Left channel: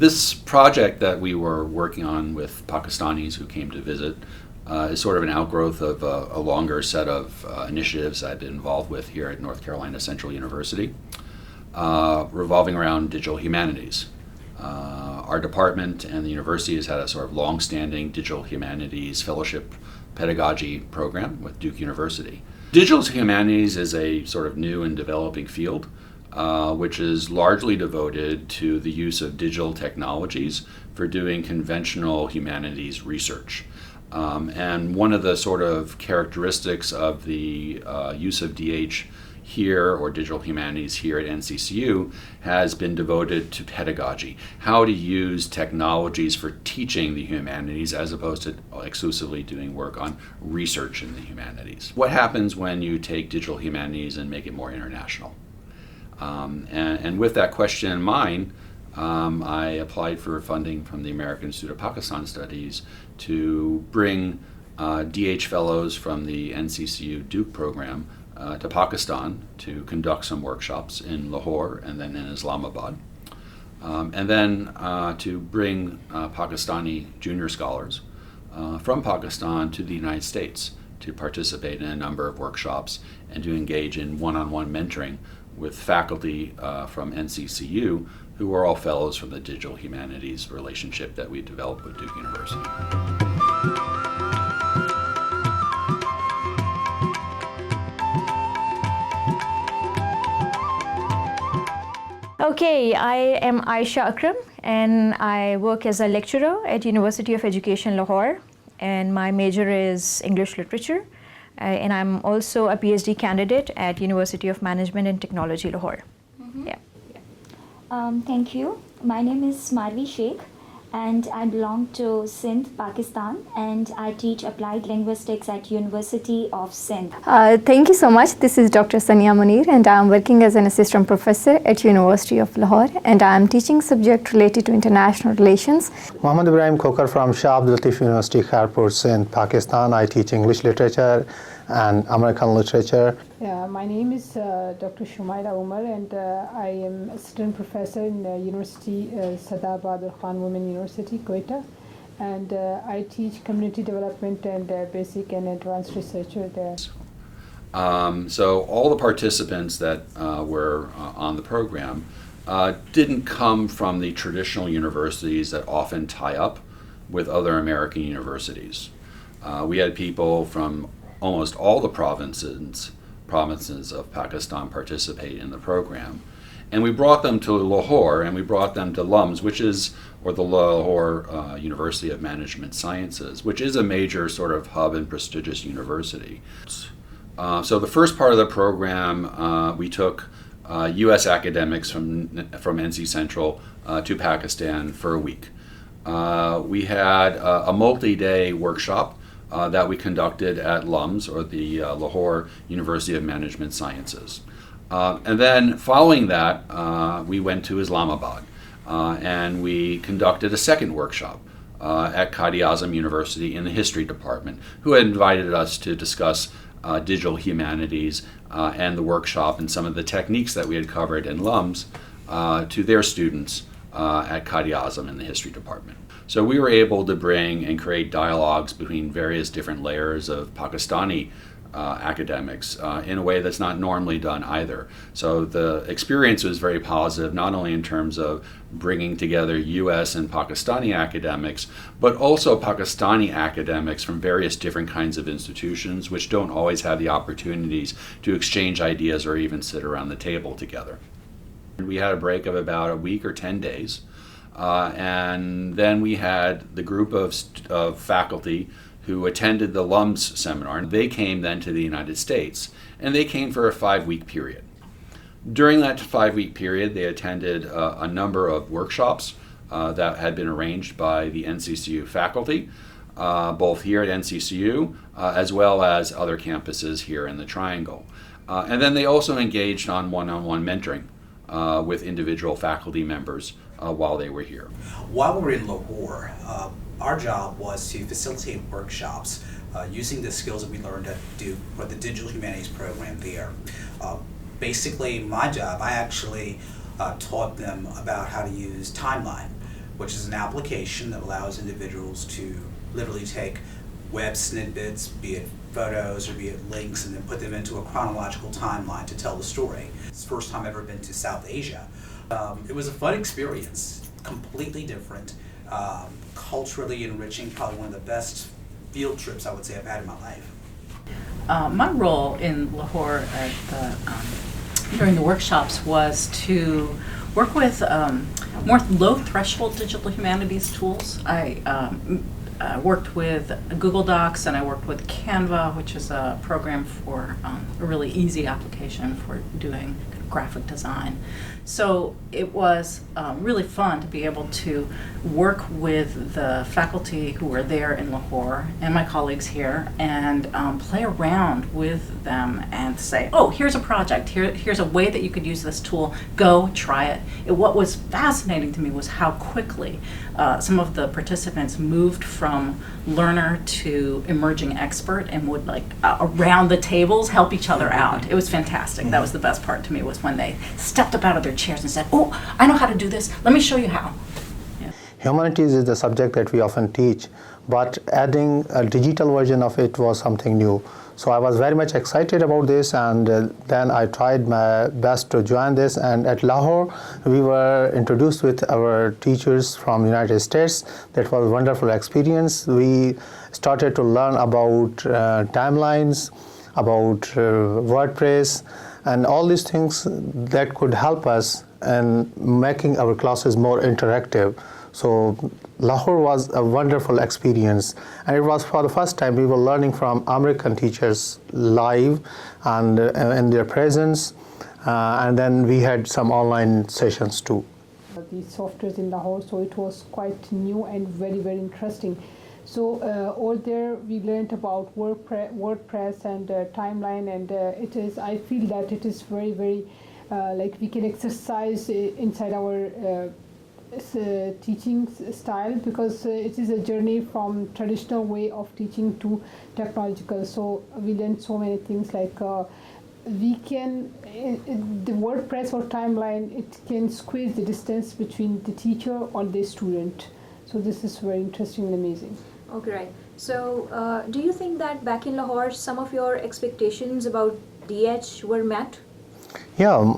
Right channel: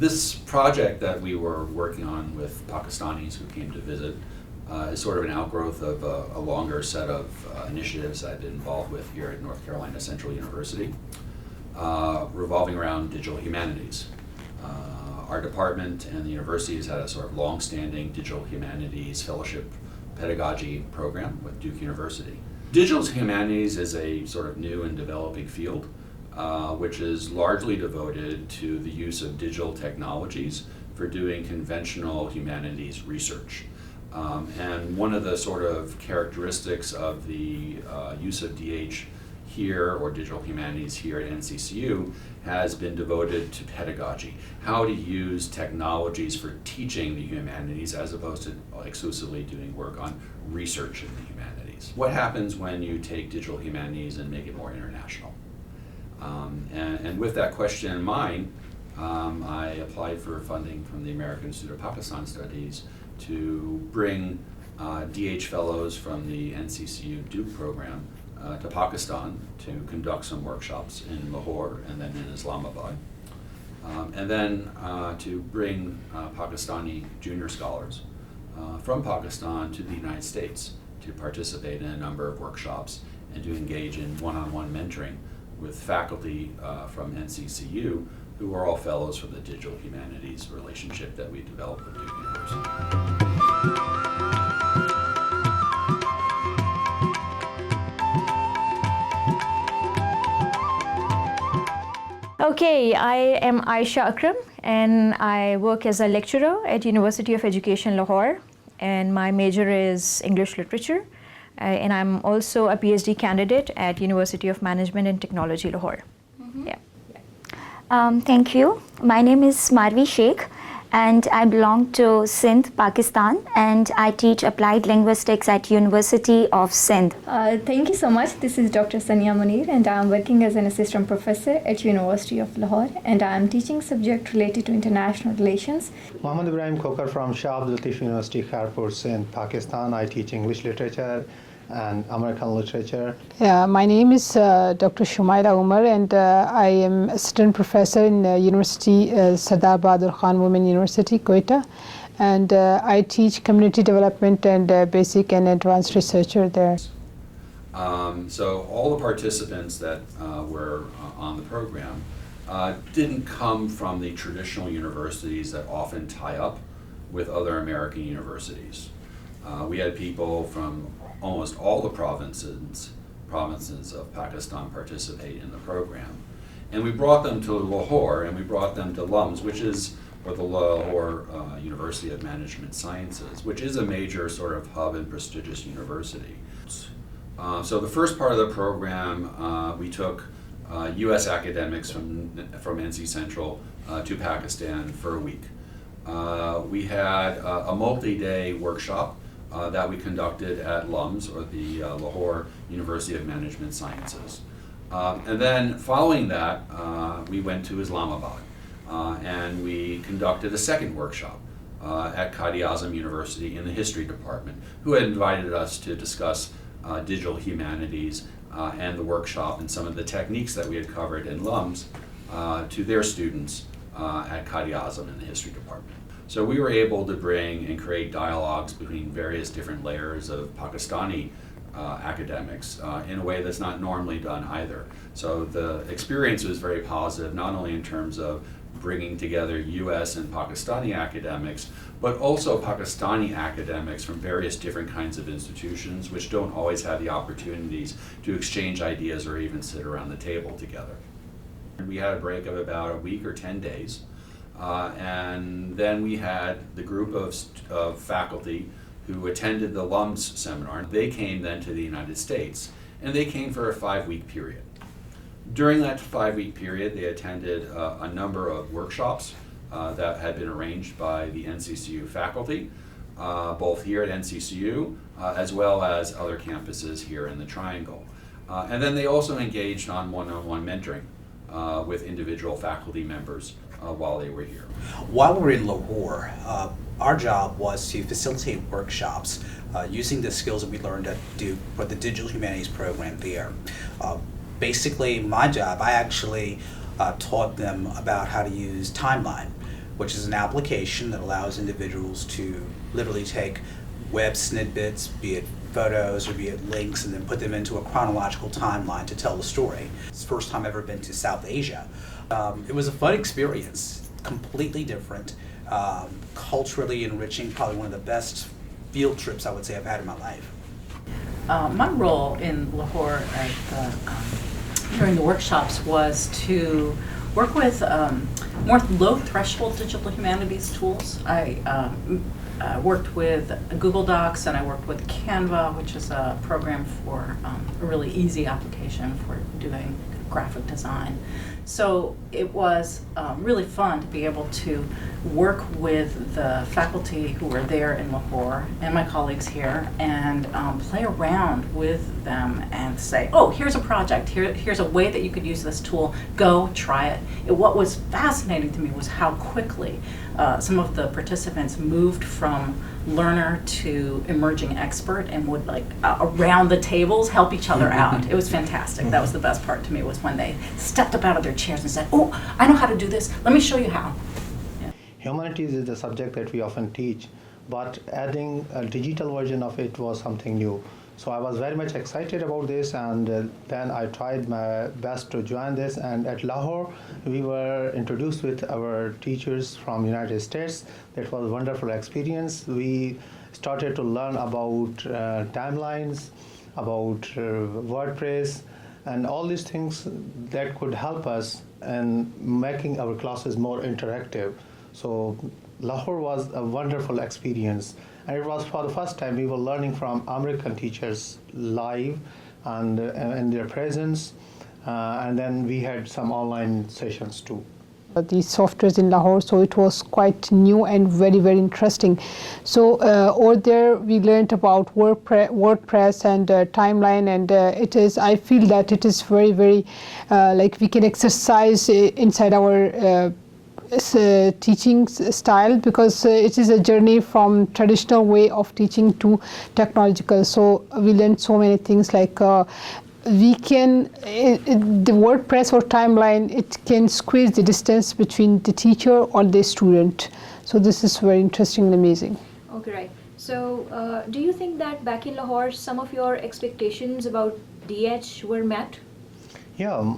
This project that we were working on with Pakistanis who came to visit is sort of an outgrowth of a longer set of initiatives I've been involved with here at North Carolina Central University, revolving around digital humanities. Our department and the university has had a sort of long-standing digital humanities fellowship pedagogy program with Duke University. Digital humanities is a sort of new and developing field, which is largely devoted to the use of digital technologies for doing conventional humanities research. And one of the sort of characteristics of the use of DH here, or digital humanities here at NCCU, has been devoted to pedagogy, how to use technologies for teaching the humanities as opposed to exclusively doing work on research in the humanities. What happens when you take digital humanities and make it more international? And with that question in mind, I applied for funding from the American Institute of Pakistan Studies to bring DH fellows from the NCCU Duke program to Pakistan to conduct some workshops in Lahore and then in Islamabad. And then to bring Pakistani junior scholars from Pakistan to the United States to participate in a number of workshops and to engage in one-on-one mentoring with faculty from NCCU who are all fellows from the digital humanities relationship that we developed with Duke University. Okay, I am Aisha Akram and I work as a lecturer at University of Education Lahore, and my major is English Literature, and I'm also a PhD candidate at University of Management and Technology Lahore. Yeah. Thank you. My name is Marvi Sheikh and I belong to Sindh, Pakistan, and I teach applied linguistics at University of Sindh. Thank you so much. This is Dr. Sania Munir and I am working as an assistant professor at University of Lahore, and I am teaching subject related to international relations. Mohammad Ibrahim Khokar from Shah Abdul Latif University, Kharpur, Sindh, Pakistan. I teach English literature and American literature. Yeah, my name is Dr. Shumaila Umar, and I am assistant professor in University Sardar Bahadur Khan Women University, Quetta, and I teach community development and basic and advanced researcher there. So all the participants that were on the program didn't come from the traditional universities that often tie up with other American universities. We had people from almost all the provinces of Pakistan participate in the program. And we brought them to Lahore, and we brought them to LUMS, or the Lahore University of Management Sciences, which is a major sort of hub and prestigious university. So the first part of the program, we took US academics from NC Central to Pakistan for a week. We had a multi-day workshop that we conducted at LUMS, or the Lahore University of Management Sciences. And then following that, we went to Islamabad and we conducted a second workshop at Quaid-e-Azam University in the history department, who had invited us to discuss digital humanities and the workshop and some of the techniques that we had covered in LUMS to their students at Quaid-e-Azam in the history department. So we were able to bring and create dialogues between various different layers of Pakistani academics in a way that's not normally done either. So the experience was very positive, not only in terms of bringing together US and Pakistani academics, but also Pakistani academics from various different kinds of institutions, which don't always have the opportunities to exchange ideas or even sit around the table together. We had a break of about a week or 10 days. And then we had the group of faculty who attended the LUMS seminar. They came then to the United States, and they came for a 5-week period. During that 5-week period, they attended a number of workshops that had been arranged by the NCCU faculty, both here at NCCU as well as other campuses here in the Triangle. And then they also engaged on one-on-one mentoring with individual faculty members while they were here. While we were in Lahore, our job was to facilitate workshops using the skills that we learned at Duke for the digital humanities program there. Basically, my job, I actually taught them about how to use timeline, which is an application that allows individuals to literally take web snippets, be it photos or be it links, and then put them into a chronological timeline to tell the story. It's the first time I've ever been to South Asia. It was a fun experience, completely different, culturally enriching, probably one of the best field trips I would say I've had in my life. My role in Lahore during the workshops was to work with more low-threshold digital humanities tools. I worked with Google Docs, and I worked with Canva, which is a program for a really easy application for doing graphic design. So it was really fun to be able to work with the faculty who were there in Lahore and my colleagues here and play around with them and say, oh, here's a project, here's a way that you could use this tool, go try it. What was fascinating to me was how quickly some of the participants moved from learner to emerging expert and would around the tables help each other out. It was fantastic. That was the best part to me, was when they stepped up out of their chairs and said, oh, I know how to do this, let me show you how. Yeah. Humanities is the subject that we often teach, but adding a digital version of it was something new. So I was very much excited about this, and then I tried my best to join this. And at Lahore, we were introduced with our teachers from United States. That was a wonderful experience. We started to learn about timelines, about WordPress, and all these things that could help us in making our classes more interactive. So Lahore was a wonderful experience, and it was for the first time we were learning from American teachers live and in their presence, and then we had some online sessions too. These softwares in Lahore, so it was quite new and very, very interesting. So over there we learned about WordPress and timeline, and I feel that it is very, very we can exercise inside our teaching style, because it is a journey from traditional way of teaching to technological. So we learned so many things, like we can, the WordPress or timeline, it can squeeze the distance between the teacher or the student. So this is very interesting and amazing. Okay, right. So do you think that back in Lahore, some of your expectations about DH were met? Yeah,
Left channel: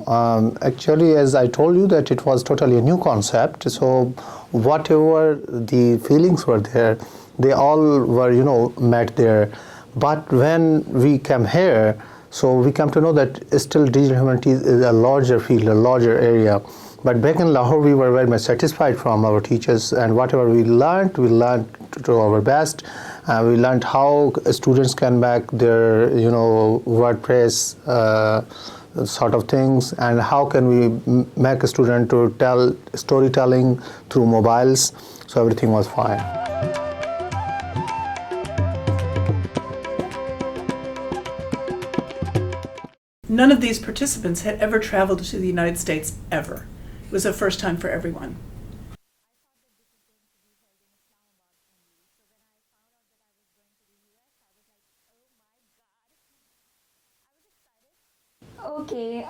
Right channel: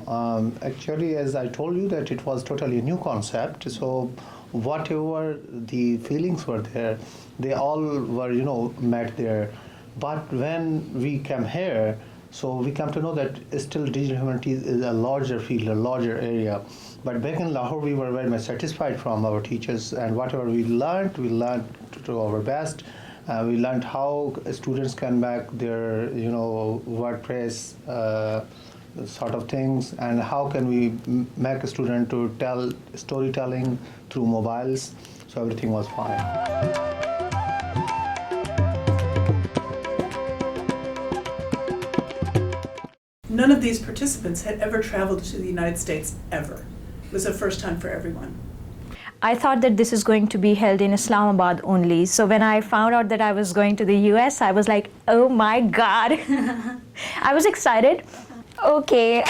actually, as I told you, that it was totally a new concept. So whatever the feelings were there, they all were, met there. But when we came here, so we come to know that still digital humanities is a larger field, a larger area. But back in Lahore, we were very much satisfied from our teachers, and whatever we learned to our best. We learned how students can make their, WordPress sort of things, and how can we make a student to tell storytelling through mobiles. So everything was fine. None of these participants had ever traveled to the United States ever. It was a first time for everyone. I thought that this is going to be held in Islamabad only. So when I found out that I was going to the US, I was like, oh my God. I was excited. Okay,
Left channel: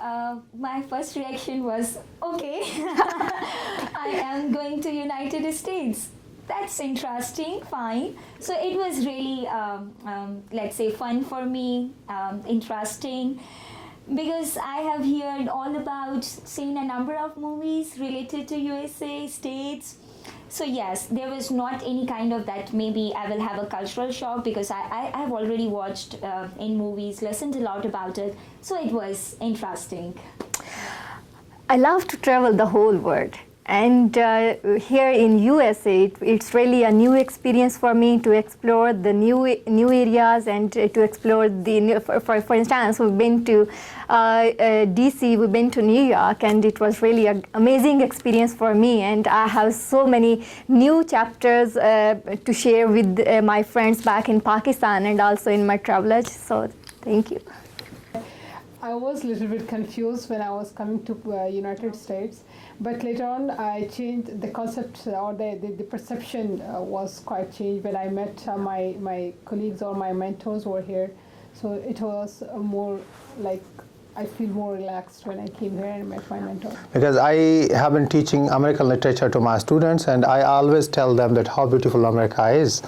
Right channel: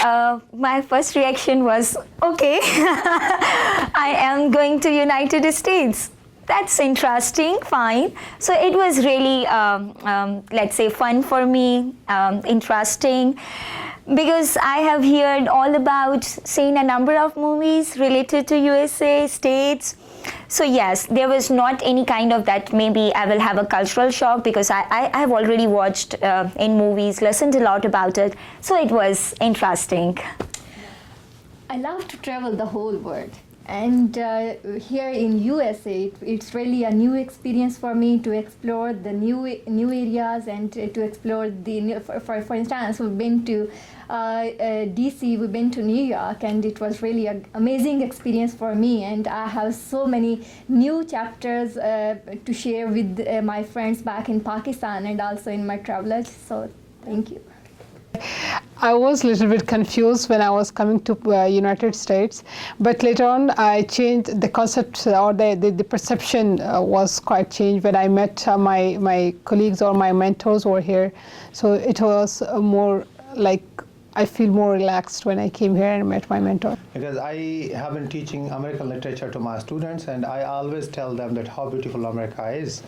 my first reaction was, okay, I am going to United States. That's interesting, fine. So it was really, let's say, fun for me, interesting, because I have heard all about, seen a number of movies related to USA, States. So yes, there was not any kind of that maybe I will have a cultural shock, because I have already watched in movies, listened a lot about it. So it was interesting. I love to travel the whole world. And here in USA, it's really a new experience for me to explore the new areas and to explore the, for instance, we've been to DC, we've been to New York, and it was really an amazing experience for me. And I have so many new chapters to share with my friends back in Pakistan and also in my travelage. So thank you. I was a little bit confused when I was coming to United States, but later on I changed the concept, or the perception was quite changed when I met my colleagues or my mentors over here. So it was more like I feel more relaxed when I came here and met my mentor. Because I have been teaching American literature to my students, and I always tell them that how beautiful America is.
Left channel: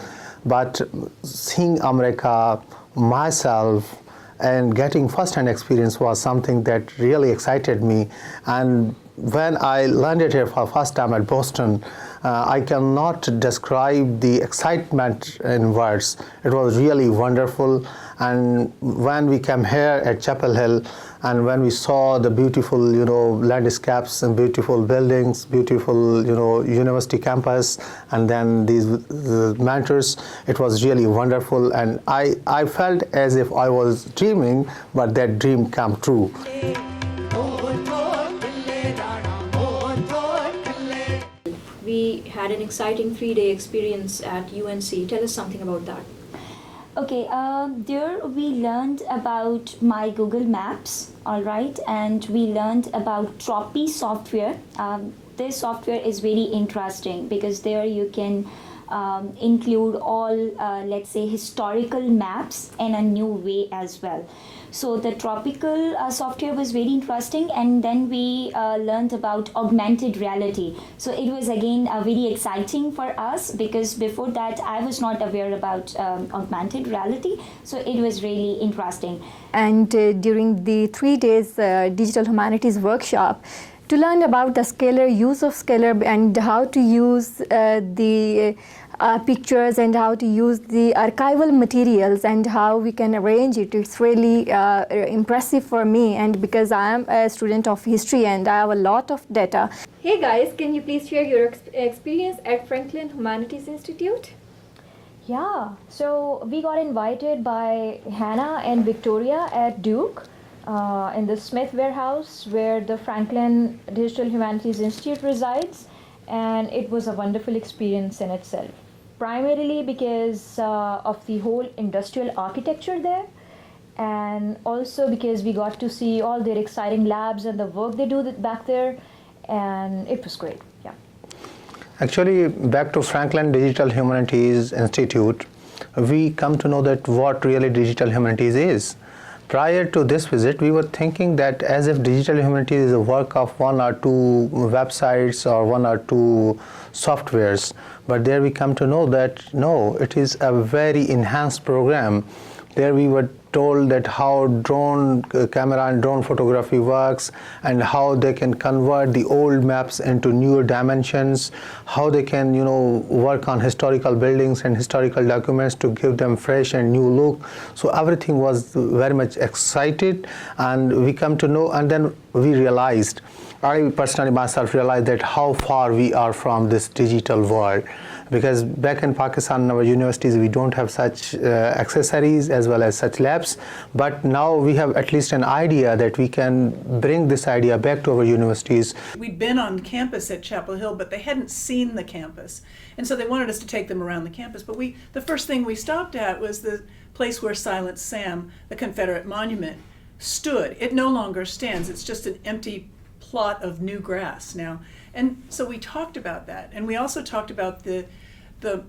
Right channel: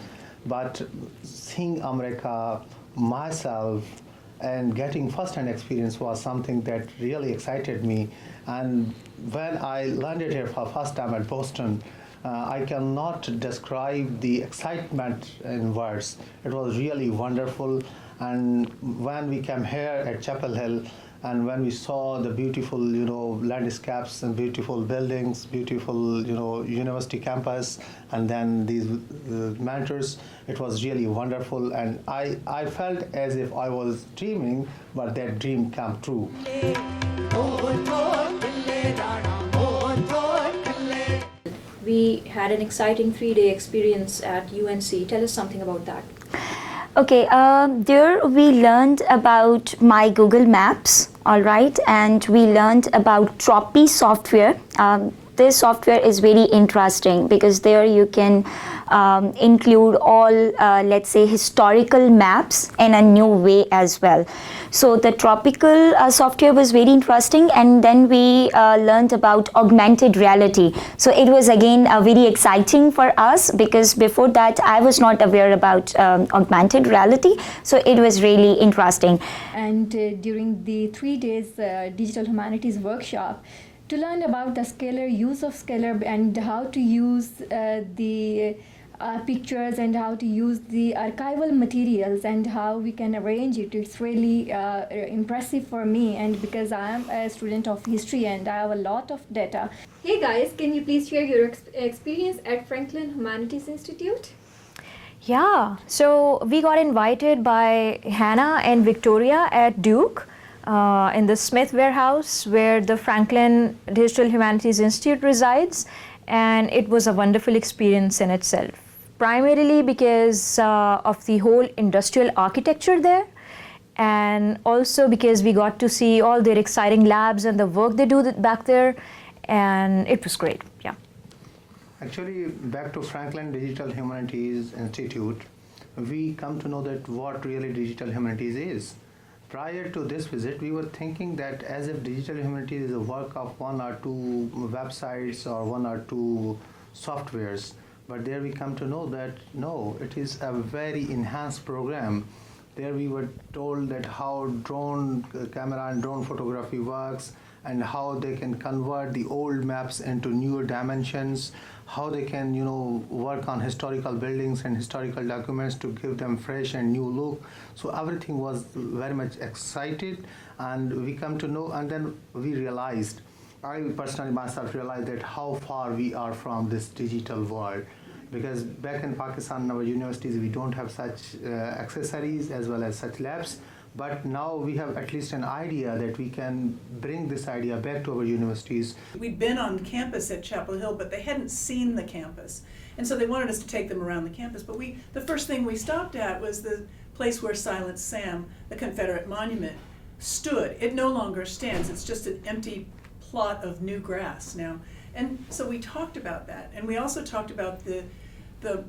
But seeing America myself and getting first-hand experience was something that really excited me. And when I landed here for the first time at Boston, I cannot describe the excitement in words. It was really wonderful. And when we came here at Chapel Hill, and when we saw the beautiful, landscapes and beautiful buildings, beautiful, university campus, and then these mentors, it was really wonderful. And I felt as if I was dreaming, but that dream came true. We had an exciting 3-day experience at UNC. Tell us something about that. Okay, there we learned about my Google Maps, all right, and we learned about Tropy software. This software is very interesting because there you can include all, let's say, historical maps in a new way as well. So the tropical software was very interesting, and then we learned about augmented reality. So it was again very exciting for us because before that I was not aware about augmented reality. So it was really interesting. And during the 3 days digital humanities workshop, to learn about the scalar, use of scalar, and how to use the pictures and how to use the archival materials and how we can arrange it. It's really impressive for me, and because I am a student of history and I have a lot of data. Hey guys, can you please share your experience at Franklin Humanities Institute? Yeah, so we got invited by Hannah and Victoria at Duke in the Smith Warehouse where the Franklin Digital Humanities Institute resides, and it was a wonderful experience in itself. Primarily because of the whole industrial architecture there, and also because we got to see all their exciting labs and the work they do back there, and it was great, yeah. Actually, back to Franklin Digital Humanities Institute, we come to know that what really digital humanities is. Prior to this visit, we were thinking that as if digital humanities is a work of 1 or 2 websites or 1 or 2 softwares. But there we come to know that no, it is a very enhanced program. There we were told that how drone camera and drone photography works, and how they can convert the old maps into newer dimensions, how they can work on historical buildings and historical documents to give them fresh and new look. So everything was very much excited, and we come to know, and then we realized, I personally myself realized that how far we are from this digital world. Because back in Pakistan, in our universities, we don't have such accessories as well as such labs. But now we have at least an idea that we can bring this idea back to our universities. We'd been on campus at Chapel Hill, but they hadn't seen the campus. And so they wanted us to take them around the campus. But the first thing we stopped at was the place where Silent Sam, the Confederate monument, stood. It no longer stands. It's just an empty plot of new grass now. And so we talked about that, and we also talked about the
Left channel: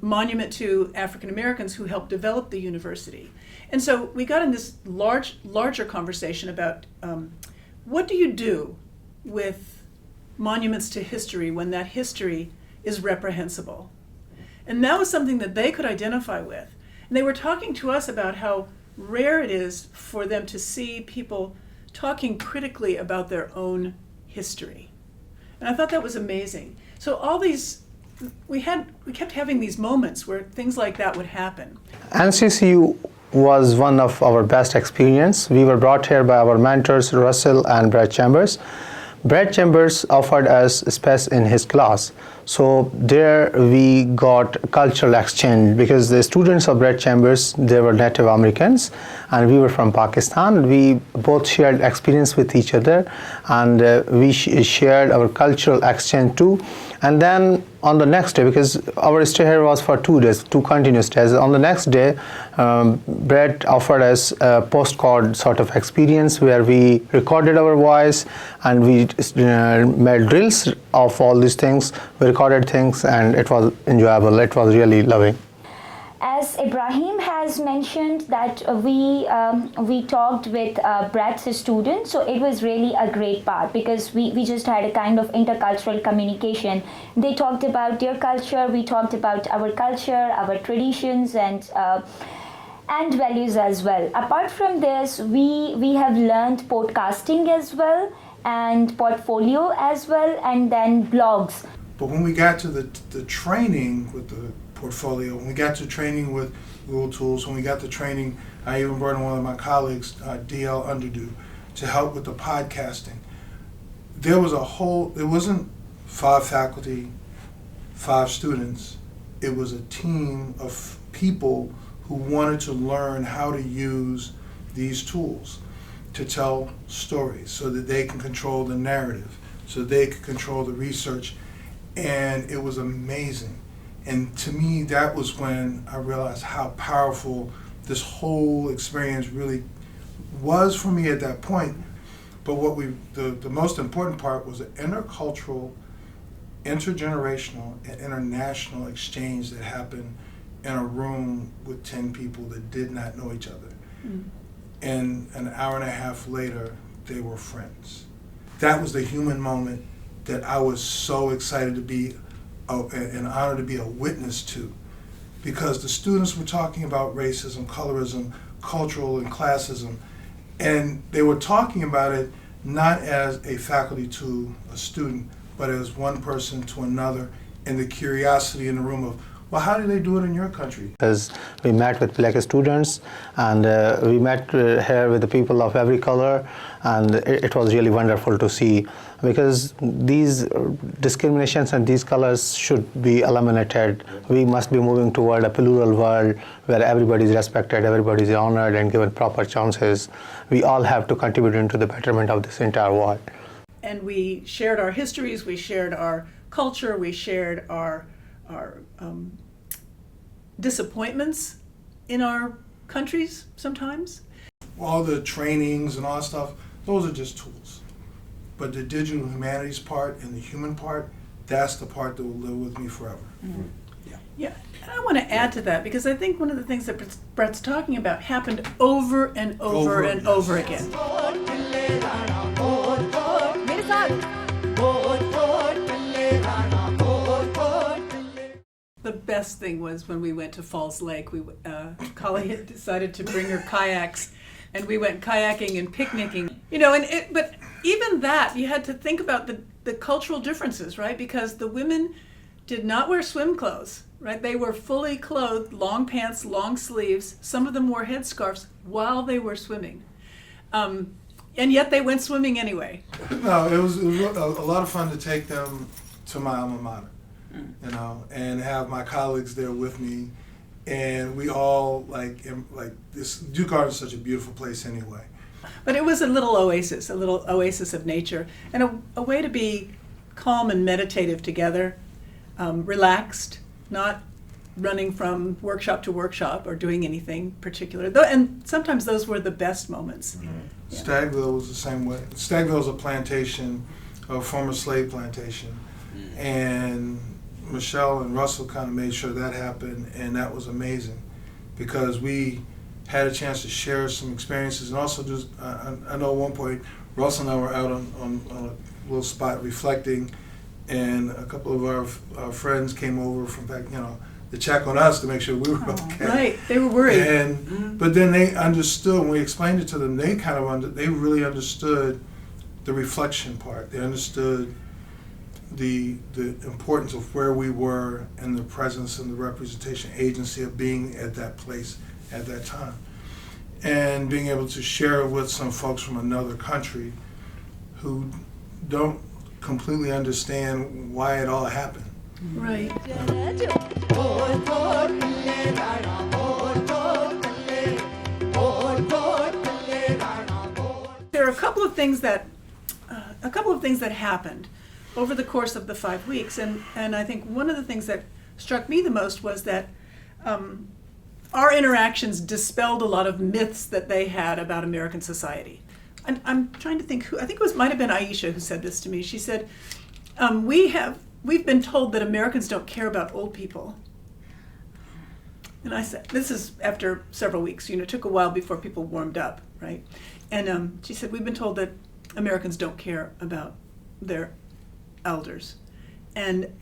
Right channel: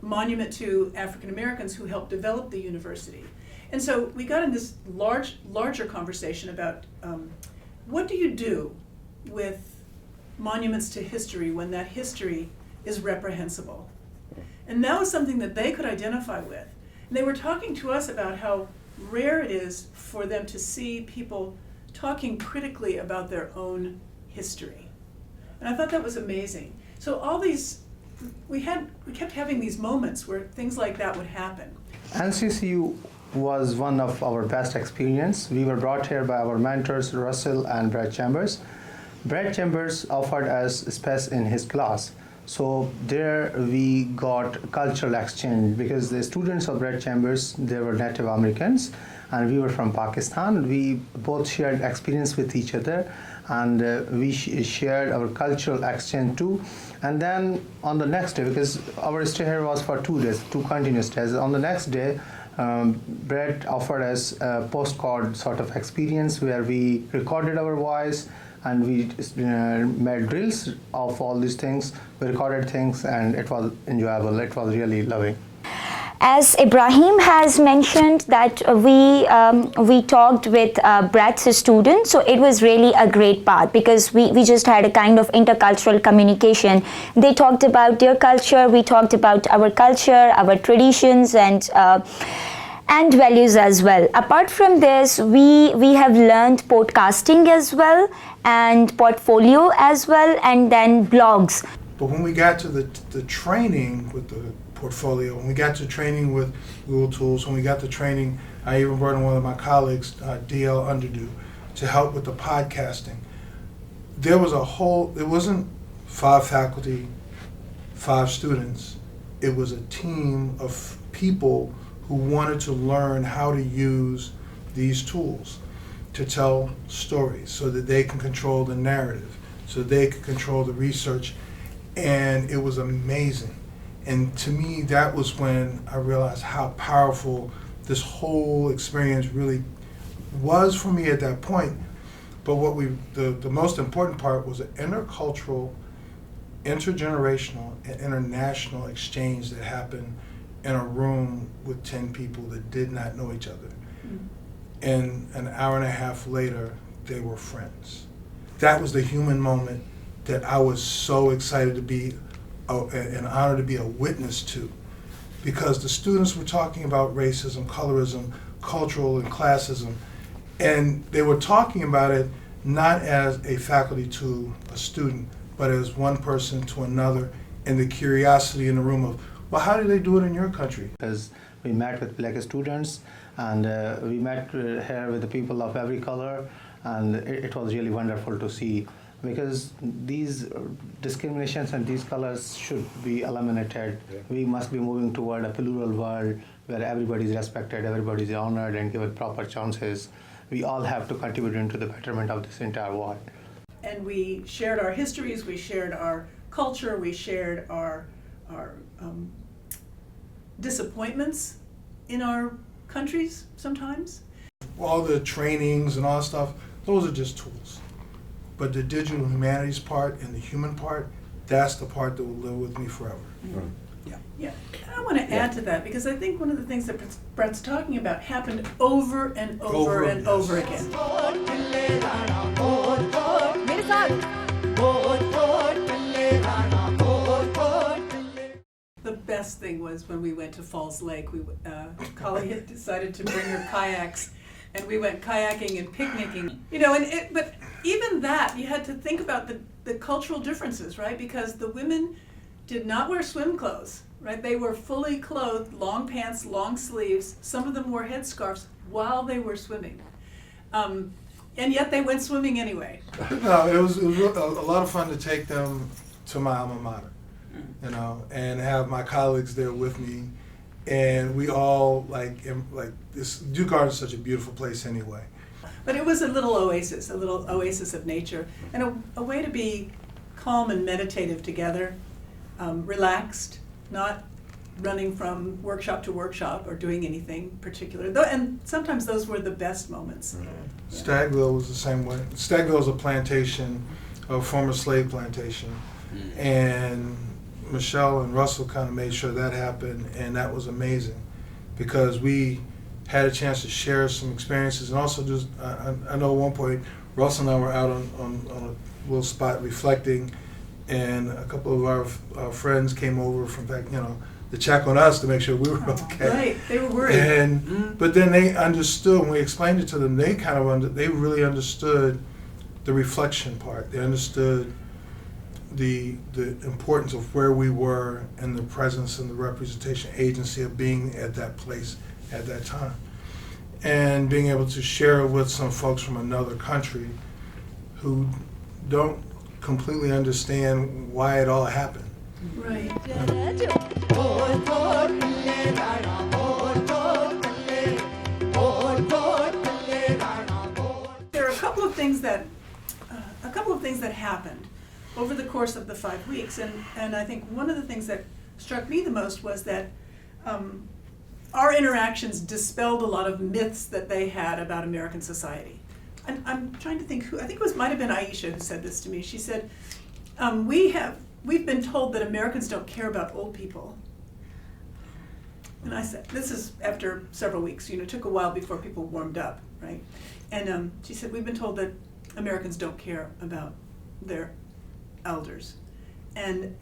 monument to African Americans who helped develop the university. And so we got in this larger conversation about what do you do with monuments to history when that history is reprehensible? And that was something that they could identify with. And they were talking to us about how rare it is for them to see people talking critically about their own history. And I thought that was amazing. So all these, we kept having these moments where things like that would happen. NCCU was one of our best experience. We were brought here by our mentors, Russell and Brad Chambers. Brad Chambers offered us space in his class. So there we got cultural exchange, because the students of Brad Chambers, they were Native Americans, and we were from Pakistan. We both shared experience with each other, and we shared our cultural exchange too. And then on the next day, because our stay here was for 2 days, 2 continuous days, on the next day, Brett offered us a postcard sort of experience where we recorded our voice, and we made drills of all these things. We recorded things, and it was enjoyable. It was really loving. As Ibrahim has mentioned that we talked with Brett's students, so it was really a great part because we just had a kind of intercultural communication. They talked about their culture, we talked about our culture, our traditions, and values as well. Apart from this, we have learned podcasting as well, and portfolio as well, and then blogs. But when we got to the training with the portfolio, when we got to training with Google Tools, when we got to training, I even brought in one of my colleagues, DL Underdo, to help with the podcasting. There was it wasn't 5 faculty, 5 students. It was a team of people who wanted to learn how to use these tools to tell stories so that they can control the narrative, so they could control the research. And it was amazing. And to me, that was when I realized how powerful this whole experience really was for me at that point. But what the most important part was the intercultural, intergenerational, and international exchange that happened in a room with 10 people that did not know each other. And an hour and a half later, they were friends. That was the human moment that I was so excited to be, and honored to be a witness to. Because the students were talking about racism, colorism, cultural and classism, and they were talking about it not as a faculty to a student, but as one person to another, and the curiosity in the room of, well, how do they do it in your country? Because we met with Black students, and we met here with the people of every color, and it was really wonderful to see, because these discriminations and these colors should be eliminated. We must be moving toward a plural world where everybody is respected, everybody is honored and given proper chances. We all have to contribute into the betterment of this entire world. And we shared our histories, we shared our culture, we shared our disappointments in our countries sometimes. All the trainings and all that stuff, those are just tools. But the digital humanities part and the human part, that's the part that will live with me forever. Yeah, and I want to add to that because I think one of the things that Brett's talking about happened over and over and over again. The best thing was when we went to Falls Lake. Kali had decided to bring her kayaks, and we went kayaking and picnicking. You know, but even that, you had to think about the cultural differences, right? Because the women did not wear swim clothes, right? They were fully clothed, long pants, long sleeves. Some of them wore headscarves while they were swimming. And yet they went swimming anyway. No, it was a lot of fun to take them to my alma mater, you know, and have my colleagues there with me. And we all, like this, Duke Garden is such a beautiful place anyway. But it was a little oasis of nature, and a way to be calm and meditative together, relaxed, not running from workshop to workshop or doing anything particular. And sometimes those were the best moments. Yeah. Stagville was the same way. Stagville is a plantation, a former slave plantation, and Michelle and Russell kind of made sure that happened, and that was amazing because we had a chance to share some experiences, and also just I know at one point Russell and I were out on a little spot reflecting, and a couple of our friends came over from back, you know, to check on us to make sure we were okay. Right, they were worried. And but then they understood when we explained it to them. They kind of they really understood the reflection part. They understood the importance of where we were and the presence and the representation agency of being at that place at that time, and being able to share it with some folks from another country who don't completely understand why it all happened. Right. There are a couple of things that happened over the course of the 5 weeks, and I think one of the things that struck me the most was that our interactions dispelled a lot of myths that they had about American society. And I'm trying to think who, I think it might have been Aisha who said this to me. She said, we've been told that Americans don't care about old people. And I said, this is after several weeks, it took a while before people warmed up, right? And she said, we've been told that Americans don't care about their elders. And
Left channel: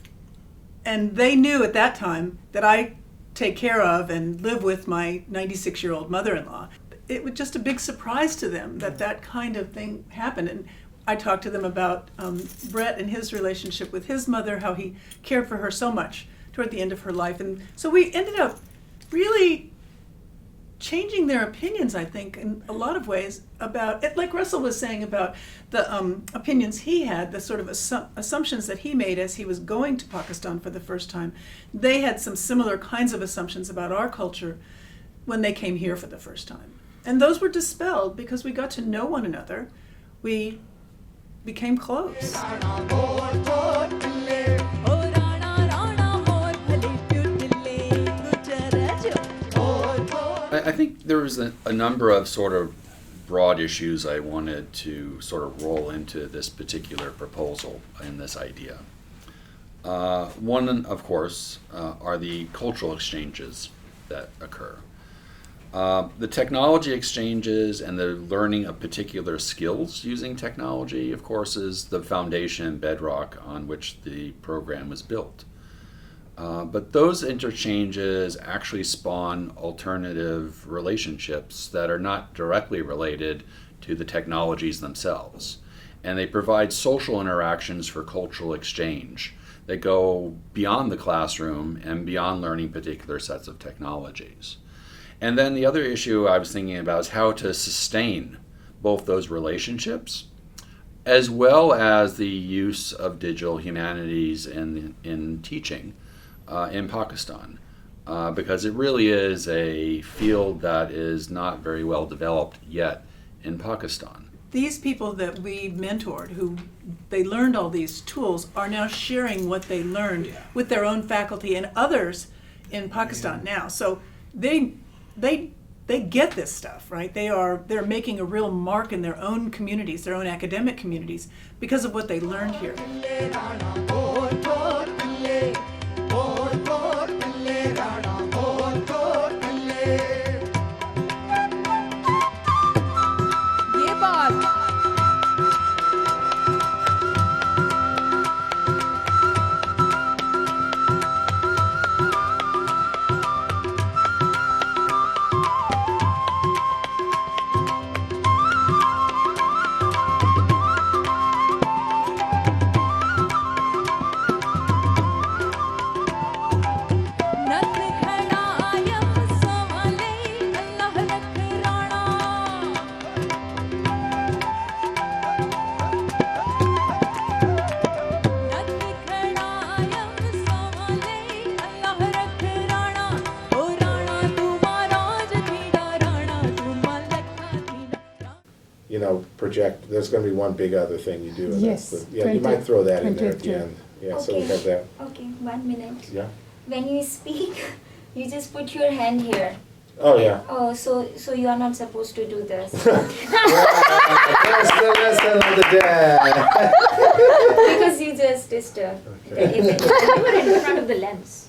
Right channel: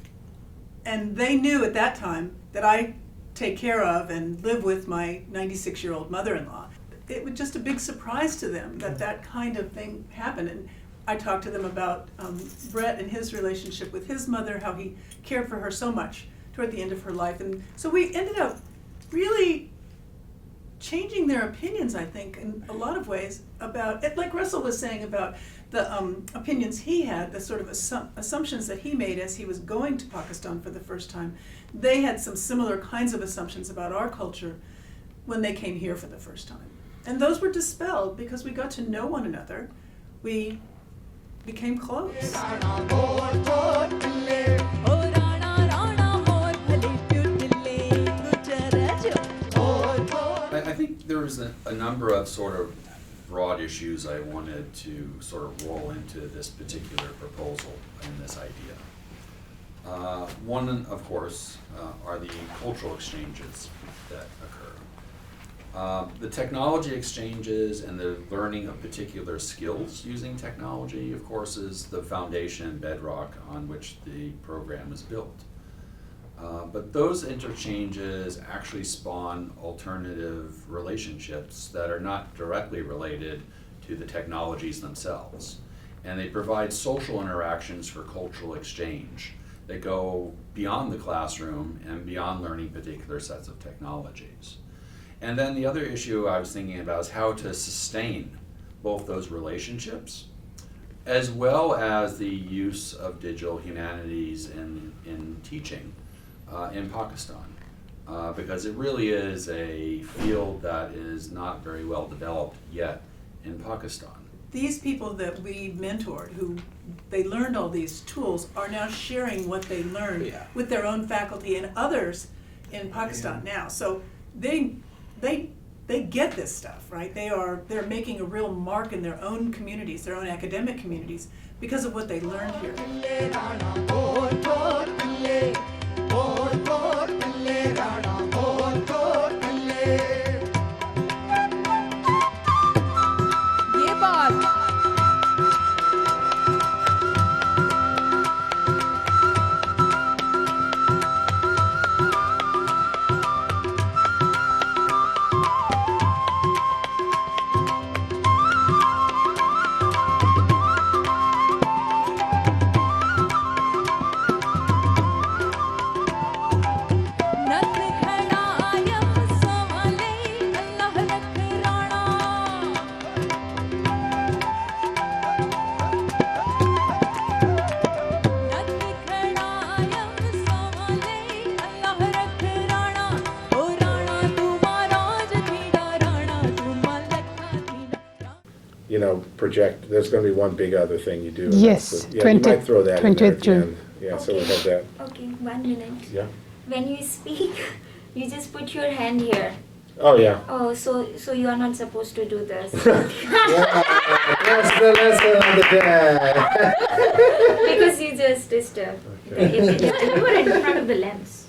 they knew at that time that I take care of and live with my 96-year-old mother-in-law. It was just a big surprise to them that that kind of thing happened. And I talked to them about Brett and his relationship with his mother, how he cared for her so much toward the end of her life. And so we ended up really changing their opinions, I think, in a lot of ways about it. Like Russell was saying about the opinions he had, the sort of assumptions that he made as he was going to Pakistan for the first time. They had some similar kinds of assumptions about our culture when they came here for the first time. And those were dispelled because we got to know one another. We became close. I think there was a number of sort of broad issues I wanted to sort of roll into this particular proposal and this idea. One, of course, are the cultural exchanges that occur. The technology exchanges and the learning of particular skills using technology, of course, is the foundation bedrock on which the program was built. But those interchanges actually spawn alternative relationships that are not directly related to the technologies themselves. And they provide social interactions for cultural exchange that go beyond the classroom and beyond learning particular sets of technologies. And then the other issue I was thinking about is how to sustain both those relationships as well as the use of digital humanities in teaching in Pakistan, because it really is a field that is not very well developed yet in Pakistan. These people that we mentored, who they learned all these tools, are now sharing what they learned with their own faculty and others in Pakistan now. So they get this stuff, right? They're making a real mark in their own communities, their own academic communities, because of what they learned here. Project. There's going to be one big other thing you do. Yes, you might throw that in there at the June. end. Yeah, so we have that. Okay, 1 minute. Yeah. When you speak, you just put your hand here. Oh yeah. Oh, so you are not supposed to do this. That's another day. Because you just disturb the image. You are in front of the lens.